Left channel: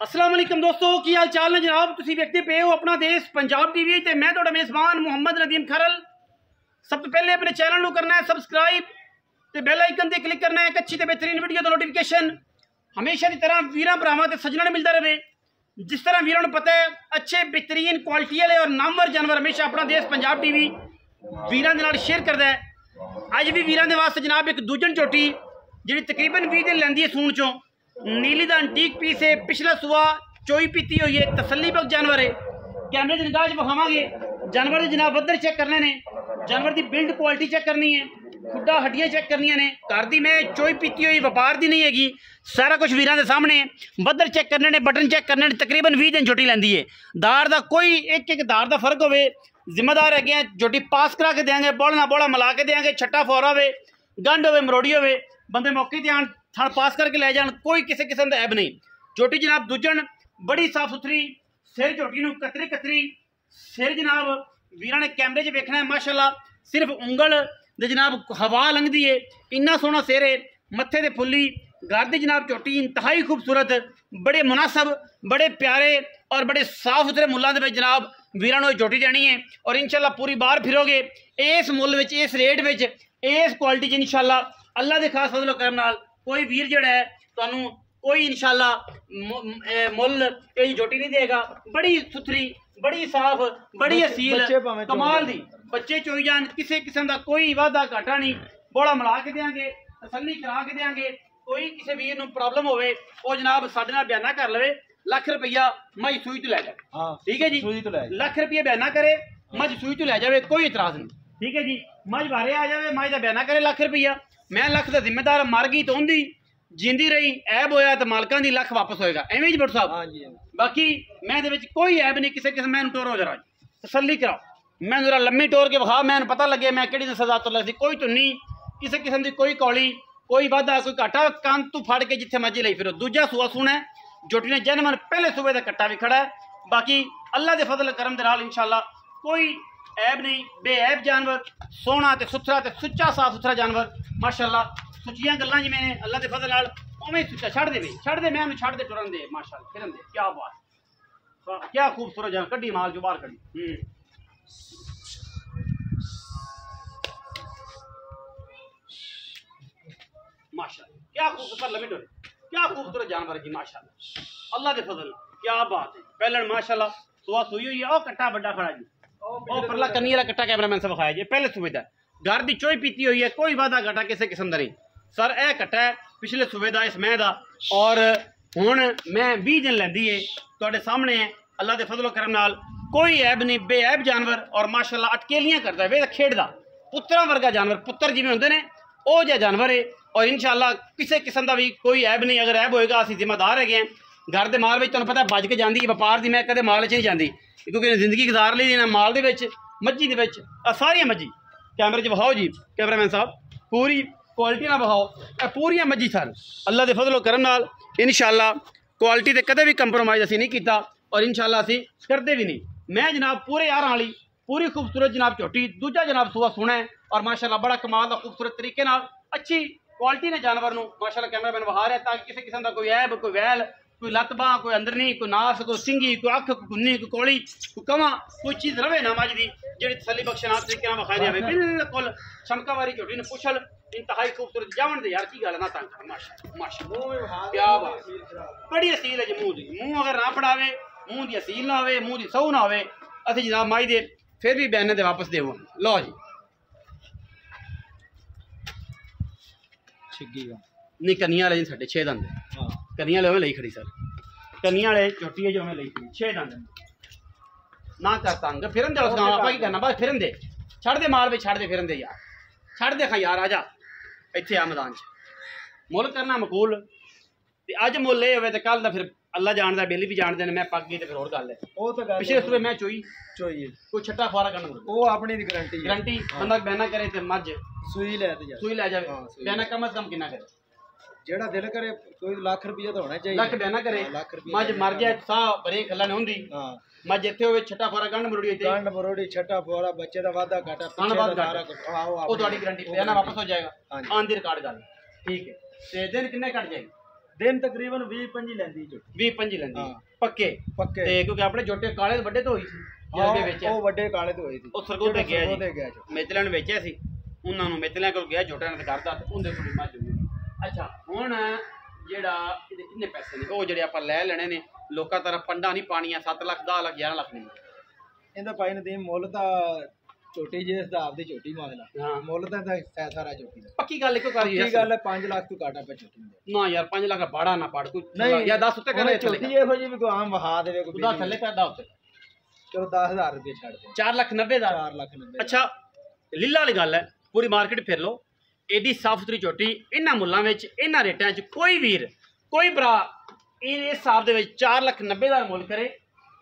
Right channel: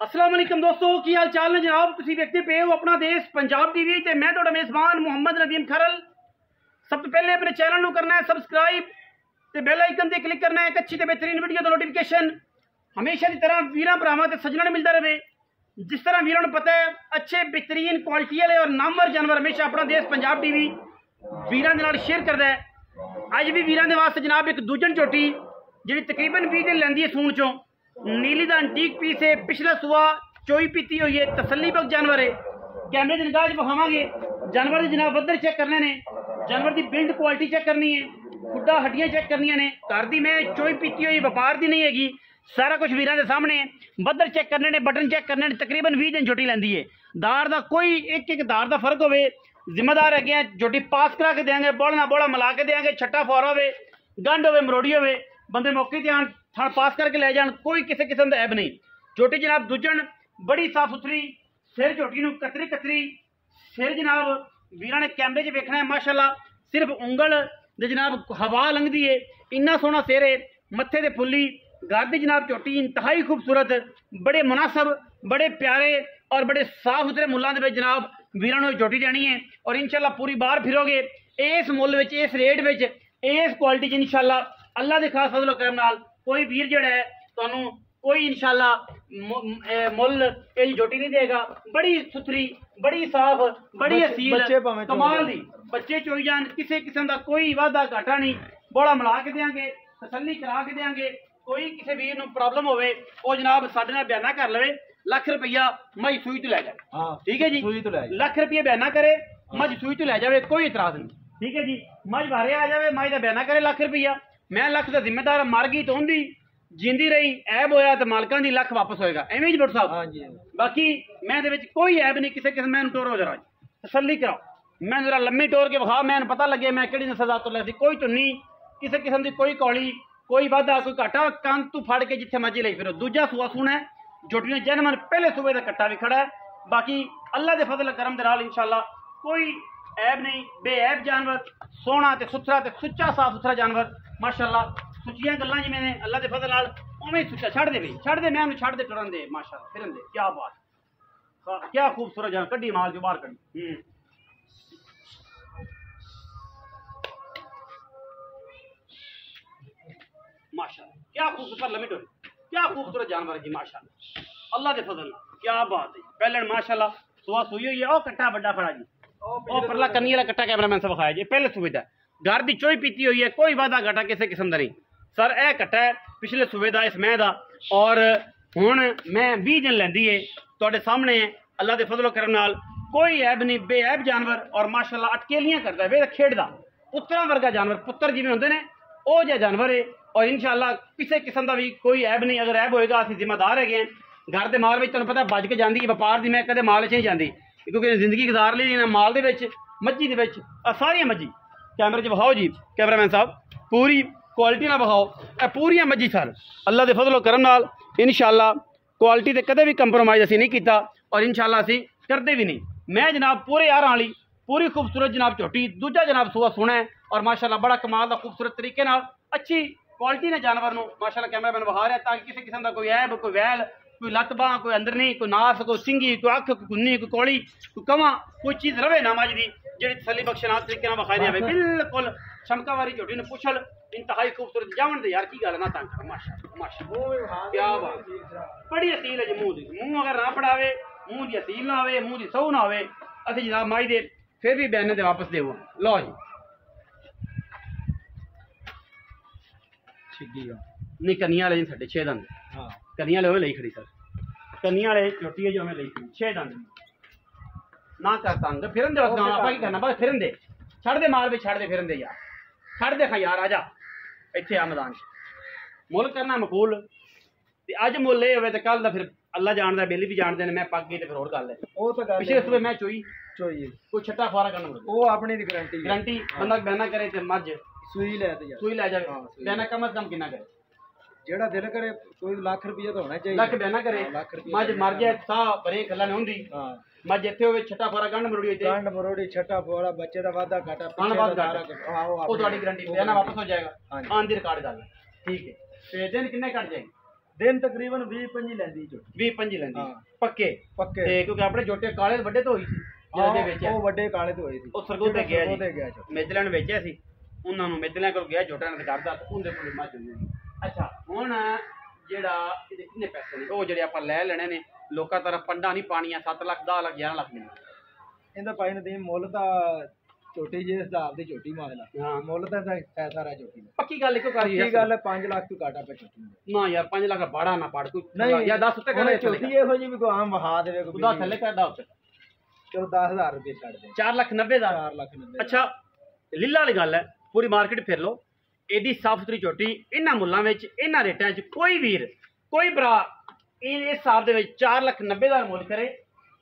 अस्सलाम वालेकुम दोस्तों की हाल चाल ने जनाब तुसी देखते पे हो अपना देश पंजाब टीवी ते मैं ਤੁਹਾਡਾ मेज़बान मुहम्मद नदीम खरल। सब तो पहले अपने चैनल को करना है सबसक्राइब ते बेल आइकन ते क्लिक करना है एक अच्छी ते बेहतरीन वीडियो का नोटिफिकेशन हमेशा की तरह वीरां भरावां ते सज्जणां ने मिलता रहे। जिस तरह वीरां नूं पता है अच्छे बेहतरीन क्वालिटी वाले और नामवर जानवर हमेशा अपना देश पंजाब टीवी वीरां दे नाल शेयर करता है। अज भी वीरां दे वास्ते जनाब एक दूजन झोटी जिहड़ी तकरीबन 20 दिन लैंदी है सूण चों नीली दा अंटीक पीस है। पिछला सुआ चोई पीती हुई है तसल्ली बख्श जानवर है। कैमरे की निगाह विखावांगे जानवर जनाब बदर चेक करने ने जानवर की बिल्ड क्वालिटी चेक करनी है खुदा हड्डियां चेक करनिया ने घर की मैं चोई पीती हुई व्यापार की नहीं हैगी सारा कुछ वीरां दे सामने बदर चेक करने ने बटन चेक करने ने तकरीबन 20 दिन झोटी लैंदी है। दार का कोई एक दार का फर्क होवे जिम्मेदार है झोटी पास करा के देंगे बोला बोला मिला के देंगे छट्टा फोरा हो गंढ हो मरोड़ी हो बंदे मौके ते आन थण पास करके ले जान कोई किसी किस्म का ऐब नहीं। झोटी जनाब दूजन बड़ी साफ सुथरी सिर झोटी नूं कतरी कतरी सिर जनाब वीरां ने कैमरे 'च वेखना है माशाअल्लाह सिर्फ उंगल दे जनाब हवा लंघदी है इन्ना सोहना सिर है मत्थे ते फुल्ली घर दी जनाब झोटी इंतहाई खूबसूरत बड़े मुनासब बड़े प्यारे और बड़े साफ सुथरे मुल्लां दे विच जनाब वीरां नूं झोटी देनी है और इंशाअल्लाह पूरी बार फिरोगे इस मुल विच इस रेट विच इस क्वालिटी च इंशाअल्लाह अल्लाह दे खास फजल करम नाल कोई वीर जड़ा है तुहानू कोई इंशाअल्लाह मुल यही झोटी नहीं देगा। बड़ी सुथरी बड़ी साफ बड़ी असील कमाल दी बच्चे चोई जान किसी किस्म का कोई वादा घाटा नहीं बोला मिला के देंगे तसल्ली करा के देंगे। कोई किसी वीर नूं प्रॉब्लम होवे वो जनाब साडे नाल बयाना कर लवे लाख रुपया मई सूई तो लै जाए ठीक है जी लाख रुपये बयाना करे मज सूई तो लै जाए कोई इतराज नहीं ठीक है जी। मज बारे आ जाए मज का बयाना करे लाख रुपया मैं लख का जिम्मेदार मर गई तो उन्दी जिंदी रही ऐब होया तो मालकां दी लख वापस होएगा एवें जी भट्ट साहब। बाकी मैं दे विच कोई ऐब नहीं किसी किस्म मैं टोरो जरा तसल्ली करा मैं जरा लम्मी टोर के विखा मैं पता लगे मैं किहड़ी सजा तो लगी कोई धुन्नी किसी किस्म की कोई कौली कोई वाधा कोई घाटा कान तू फड़ के जिथे मर्जी लई फिरो। दूजा सूआ सुना है झोटी ने जन्म पहले सूबे का कट्टा भी खड़ा है। बाकी अल्लाह के फजल करम दे नाल इंशाअल्लाह कोई ऐब नहीं बेऐब जानवर सोहना ते सुथरा ते सुच्चा साफ सुथरा जानवर माशाअल्लाह सुचियां गल्लां जिवें अल्लाह के फजल नाल उवें सुच्चा छड़ दे मैं छड़ दे टुरन दे माशाअल्लाह फिरन दे क्या बात क्या खूबसूरत जान कड्डी माल जो बाहर कड्डी माशाअल्लाह क्या खूबसूरत लम्बी टोर क्या खूबसूरत जानवर जी माशाअल्लाह अल्लाह के फजल क्या बात है। पहले माशाअल्लाह सुआ सुई हुई है ओ कट्टा बड़ा खड़ा जी ओ परला कन्नी वाला कट्टा कैमरामैन से विखाया जी पहले सूबे का घर की चोई पीती हुई है कोई वादा घाटा किसी किस्म का नहीं सर यह कट्टा है पिछले सूबे का इस मैं का और हुण मैं 20 दिन लैंदी है तुहाडे सामने है अल्लाह के फजलो करम नाल कोई ऐब नहीं बेऐब जानवर और माशाअल्लाह अटकेलियां करता है खेडदा पुत्तरां वर्गा जानवर पुत्तर जिवें हुंदे ने ओ जिहा जानवर है और इंशाअल्लाह किसी किस्म का भी कोई ऐब नहीं। अगर ऐब होएगा असीं जिम्मेदार है घर के माल में तुहानूं पता बज के जाती व्यापार की मैं कदे माल च नहीं जाती क्योंकि जिंदगी गुजार ली ना माल दे विच मज्जी दे विच सारियां मज्जी कैमरे च विखाओ जी कैमरामैन साहब पूरी क्वालिटी ना विखाओ ए पूरियां मज्जी सर अल्लाह के फजलो करम नाल इंशाअल्लाह क्वालिटी ते कदे भी कंप्रोमाइज़ असीं नहीं कीता और इंशाअल्लाह असीं करदे भी नहीं। मैं जनाब पूरे यारां वाली पूरी खूबसूरत जनाब झोटी दूजा जनाब सूआ सुना है और माशाअल्लाह बड़ा कमाल का खूबसूरत तरीके नाल अच्छी क्वालिटी ने जानवर नूं माशाअल्लाह कैमरामैन विखा रहा है ताकि किसी किस्म का कोई ऐब कोई वैल कोई लत्त बांह कोई अंदर नहीं कोई नास कोई सिंगी कोई अख कोई कुन्नी कोई कौली कोई कवा कोई चीज़ रवे ना मज की जी तसली बख्शनाल तरीके विखाई रहे बिल्कुल छमका वाली झोटी ने पुछल इंतहाई खूबसूरत जावन दे यार की गल ना तंग कर माशाअल्लाह क्या बात बड़ी असील है जी मूँह की मूँह अगर ना पड़ावे मूँह की असील ना हो मूँह की सऊ ना हो असीं जनाब माई दे फिर भी बयाने दे वापस देवो लो जी नहीं कनिया वाले साढ़े 6 दंद कनिया वाले लई खड़ी सर कनिया वाले झोटी है जो हमें लई खड़ी 6 दंद ना कर तंग फिरन दे आपा की करना बस फिरन दे छड़ दे माल भी छड़ दे फिरन दे यार छड़ दे खा यार आजा इत्थे आ मैदान च मुल करना मकूल ते अज मुल ये होवे ते कल दा फिर अल्लाह जानदा बेली भी जानदे ने मैं पक गई ते फिर होर गल है ओ तो गल पिछले सूबे मैं चोई कोई छट्टा फारा करना ओ अपनी दी गारंटी बंदा बयाना करे ते मज सुई लै जावे बयाना कम से कम कितना करे जेड़ा दिल करे कोई लाख रुपया तो होना चाहिए लाख बयाना करे मज मर जाए साह बरे खल्ला नहीं होंदी मज इत्थे होवे छट्टा फारा गंढ मरोड़ी छट्टा फारा बच्चे दा वादा घाटा पिछे दा सारा ओ ਤੁਹਾਡੀ गारंटी बयाना वापस हो जाएगा आन दी रिकॉर्ड गल ठीक है ते दिन किन्ने कट जाएगी दिन तकरीबन 20-25 ਲੈਂਦੀ ਝੋਟੀ 20-25 ਲੈਂਦੀ ਹਾਂ। ਪੱਕੇ ਪੱਕੇ ਤੇ ਕਿਉਂਕਿ ਆਪਣੇ ਝੋਟੇ ਕਾਲੇ ਵੱਡੇ ਤੋਂ ਹੋਈ ਸੀ ਜਿਹੜੇ ਵੇਚਿਆ ਉਹ ਵੱਡੇ ਕਾਲੇ ਤੋਂ ਹੋਏ ਸੀ ਉਹ ਸਰਗੋਂ ਤੇ ਗਿਆ ਸਰਗੋਂ ਤੇ ਜੀ ਗਿਆ ਝੋਟੀ। ਮੇਤਲਿਆਂ ਨੂੰ ਵੇਚਿਆ ਸੀ ਉਹਨਾਂ ਨੂੰ ਮੇਤਲਿਆਂ ਕੋਲ ਗਿਆ ਝੋਟਿਆਂ ਨੇ ਕਰਦਾ ਤੇ ਉਹਦੇ ਕੋਲ ਮੱਝ ਹੋਈ ਹੋਈ। ਅੱਛਾ ਹੁਣ ਜਿਹੜਾ ਇਹਦੇ ਕਿੰਨੇ ਪੈਸੇ ਨੇ ਉਹ ਜਿਹੜੇ ਆਪਾਂ ਲੈ ਲੈਣੇ ਨੇ ਲੋਕਾਂ ਤਰ੍ਹਾਂ ਪੰਡਾ ਨਹੀਂ ਪਾਣੀਆਂ 7 ਲੱਖ 10 ਲੱਖ 11 ਲੱਖ ਨਹੀਂ ਇਹਦਾ ਭਾਈ ਨਦੀਮ ਮੁੱਲ ਤਾਂ ਝੋਟੀ ਜੇ ਹਿਸਾਬ ਦੀ ਝੋਟੀ ਮੰਗ ਲਾ ਹਾਂ ਮੁੱਲ ਤਾਂ ਹੈ ਸਾਰਾ ਝੋਟੀ ਦਾ ਪੱਕੀ ਗੱਲ ਇੱਕੋ ਕਰੀ ਕੀ ਗੱਲ ਹੈ 5 ਲੱਖ ਤੋਂ ਘਾਟਾ ਪੈ ਝੋਟੀ ਨੂੰ ਨਾ ਯਾਰ 5 ਲੱਖ ਬਾੜਾ ਨਾ ਪੜ ਕੋਈ ਨਹੀਂ ਜਾਂ 10 ਉੱਤੇ ਕਰੇ ਝੋਟੀ ਇਹੋ ਜਿਹੀ ਵੀ ਕੋਈ ਆਮ ਵਹਾ ਦੇਵੇ ਕੋਈ ਉਹਦਾ ਥੱਲੇ ਕਰਦਾ ਉੱਤੇ ਚਲੋ 10000 ਰੁਪਏ ਛੱਡ ਦੇ 4,90,000 4 ਲੱਖ 90 ਅੱਛਾ ਲੀਲਾ ਵਾਲੀ ਗੱਲ ਹੈ ਪੂਰੀ ਮਾਰਕੀਟ ਫਿਰ ਲਓ ਏਡੀ ਸਾਫ ਸੁਥਰੀ ਝੋਟੀ ਇਹਨਾਂ ਮੁੱਲਾਂ ਵਿੱਚ ਇਹਨਾਂ ਰੇਟਾਂ 'ਚ ਕੋਈ ਵੀਰ ਕੋਈ ਭਰਾ ਇਸ ਹਿਸਾਬ ਦੇ ਵਿੱਚ 4,90,000 ਮੁੱਲ ਕਰੇ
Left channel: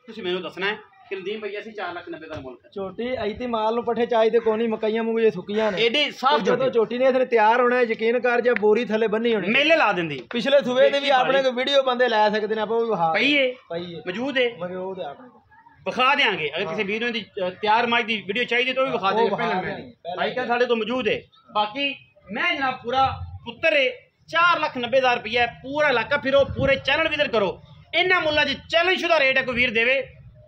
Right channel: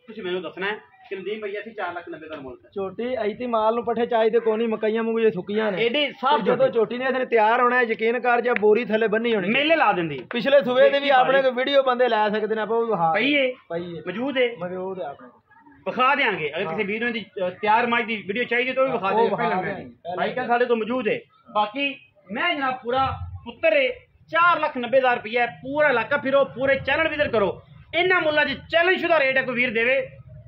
ਤੁਸੀਂ ਮੈਨੂੰ ਦੱਸਣਾ ਹੈ ਕਿ ਨਦੀਮ ਭਈਆ ਅਸੀਂ 4,90,000 ਮੁੱਲ ਕਰੇ ਝੋਟੀ ਐਤੀ ਮਾਲ ਨੂੰ ਪੱਠੇ ਚਾਹੀਦੇ ਕੋਈ ਨਹੀਂ ਮਕਈਆਂ ਮੂੰਗ ਜੇ ਸੁੱਕੀਆਂ ਨੇ ਏਡੀ ਸਾਫ ਜਦੋਂ ਝੋਟੀ ਨੇ ਇਥੇ ਤਿਆਰ ਹੋਣਾ ਹੈ ਯਕੀਨ ਕਰ ਜਾਂ ਬੋਰੀ ਥੱਲੇ ਬੰਨੀ ਹੋਣੀ ਮੇਲੇ ਲਾ ਦਿੰਦੀ ਪਿਛਲੇ ਸੂਬੇ ਦੇ ਵੀ ਆਪਣੇ ਕੋਈ ਵੀਡੀਓ ਬੰਦੇ ਲੈ ਸਕਦੇ ਨੇ ਆਪਾਂ ਉਹ ਵਿਖਾ ਪਈਏ ਪਈਏ ਮੌਜੂਦ ਹੈ ਮਗੇ ਉਹ ਤੇ ਆਪਣੇ ਕੋਲ ਵਿਖਾ ਦੇਾਂਗੇ ਅਗਰ ਕਿਸੇ ਵੀਰ ਨੂੰ ਦੀ ਤਿਆਰ ਮਾਈ ਦੀ ਵੀਡੀਓ ਚਾਹੀਦੀ ਤਾਂ ਉਹ ਵੀ ਵਿਖਾ ਦੇਂਗੇ ਪਹਿਲਾਂ ਮੈਂ ਭਾਈ ਕਾ ਸਾਡੇ ਤੋਂ ਮੌਜੂਦ ਹੈ ਬਾਕੀ ਮੈਂ ਜਨਾਬ ਪੂਰਾ ਪੁੱਤਰ ਹੈ 4,90,000 ਰੁਪਏ ਪੂਰਾ ਇਲਾਕਾ ਫਿਰੋ ਪੂਰੇ ਚੈਨਲ ਵਿਜ਼ਿਟ ਕਰੋ ਇਹਨਾਂ ਮੁੱਲਾਂ 'ਚ ਚੈਲੰਜ ਸ਼ੁਦਾ ਰੇਟ ਹੈ ਕੋਈ ਵੀਰ ਦੇਵੇ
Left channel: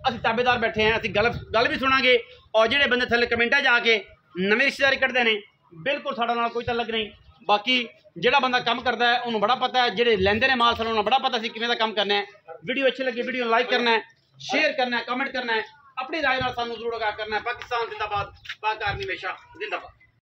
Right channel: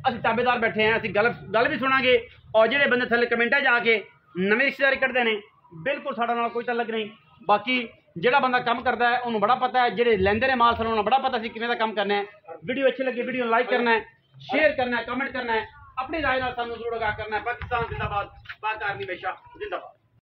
ਅਸੀਂ ਤਾਬੇਦਾਰ ਬੈਠੇ ਹਾਂ ਅਸੀਂ ਗੱਲ ਵੀ ਸੁਣਾਂਗੇ ਔਰ ਜਿਹੜੇ ਬੰਦੇ ਥੱਲੇ ਕਮੈਂਟਾਂ 'ਚ ਆ ਕੇ ਨਵੇਂ ਰਿਸ਼ਤੇਦਾਰੀ ਕੱਢਦੇ ਨੇ ਬਿਲਕੁਲ ਸਾਡਾ ਨਾਲ ਕੋਈ ਤਾਲੁਕ ਨਹੀਂ ਬਾਕੀ ਜਿਹੜਾ ਬੰਦਾ ਕੰਮ ਕਰਦਾ ਹੈ ਉਹਨੂੰ ਬੜਾ ਪਤਾ ਹੈ ਜਿਹੜੇ ਲੈਂਦੇ ਨੇ ਮਾਲ ਸਾਨੂੰ ਬੜਾ ਪਤਾ ਸੀ ਕਿਵੇਂ ਦਾ ਕੰਮ ਕਰਨਾ ਹੈ ਵੀਡੀਓ ਅੱਛੀ ਲੱਗੀ ਵੀਡੀਓ ਨੂੰ ਲਾਈਕ ਕਰਨਾ ਹੈ शेयर करना है कमेंट करना है अपनी राय ਨਾਲ ਸਾਨੂੰ ਜ਼ਰੂਰ ਆਗਾਹ ਕਰਨਾ ਹੈ ਪਾਕਿस्तान जिंदाबाद पाक आर्मी हमेशा जिंदाबाद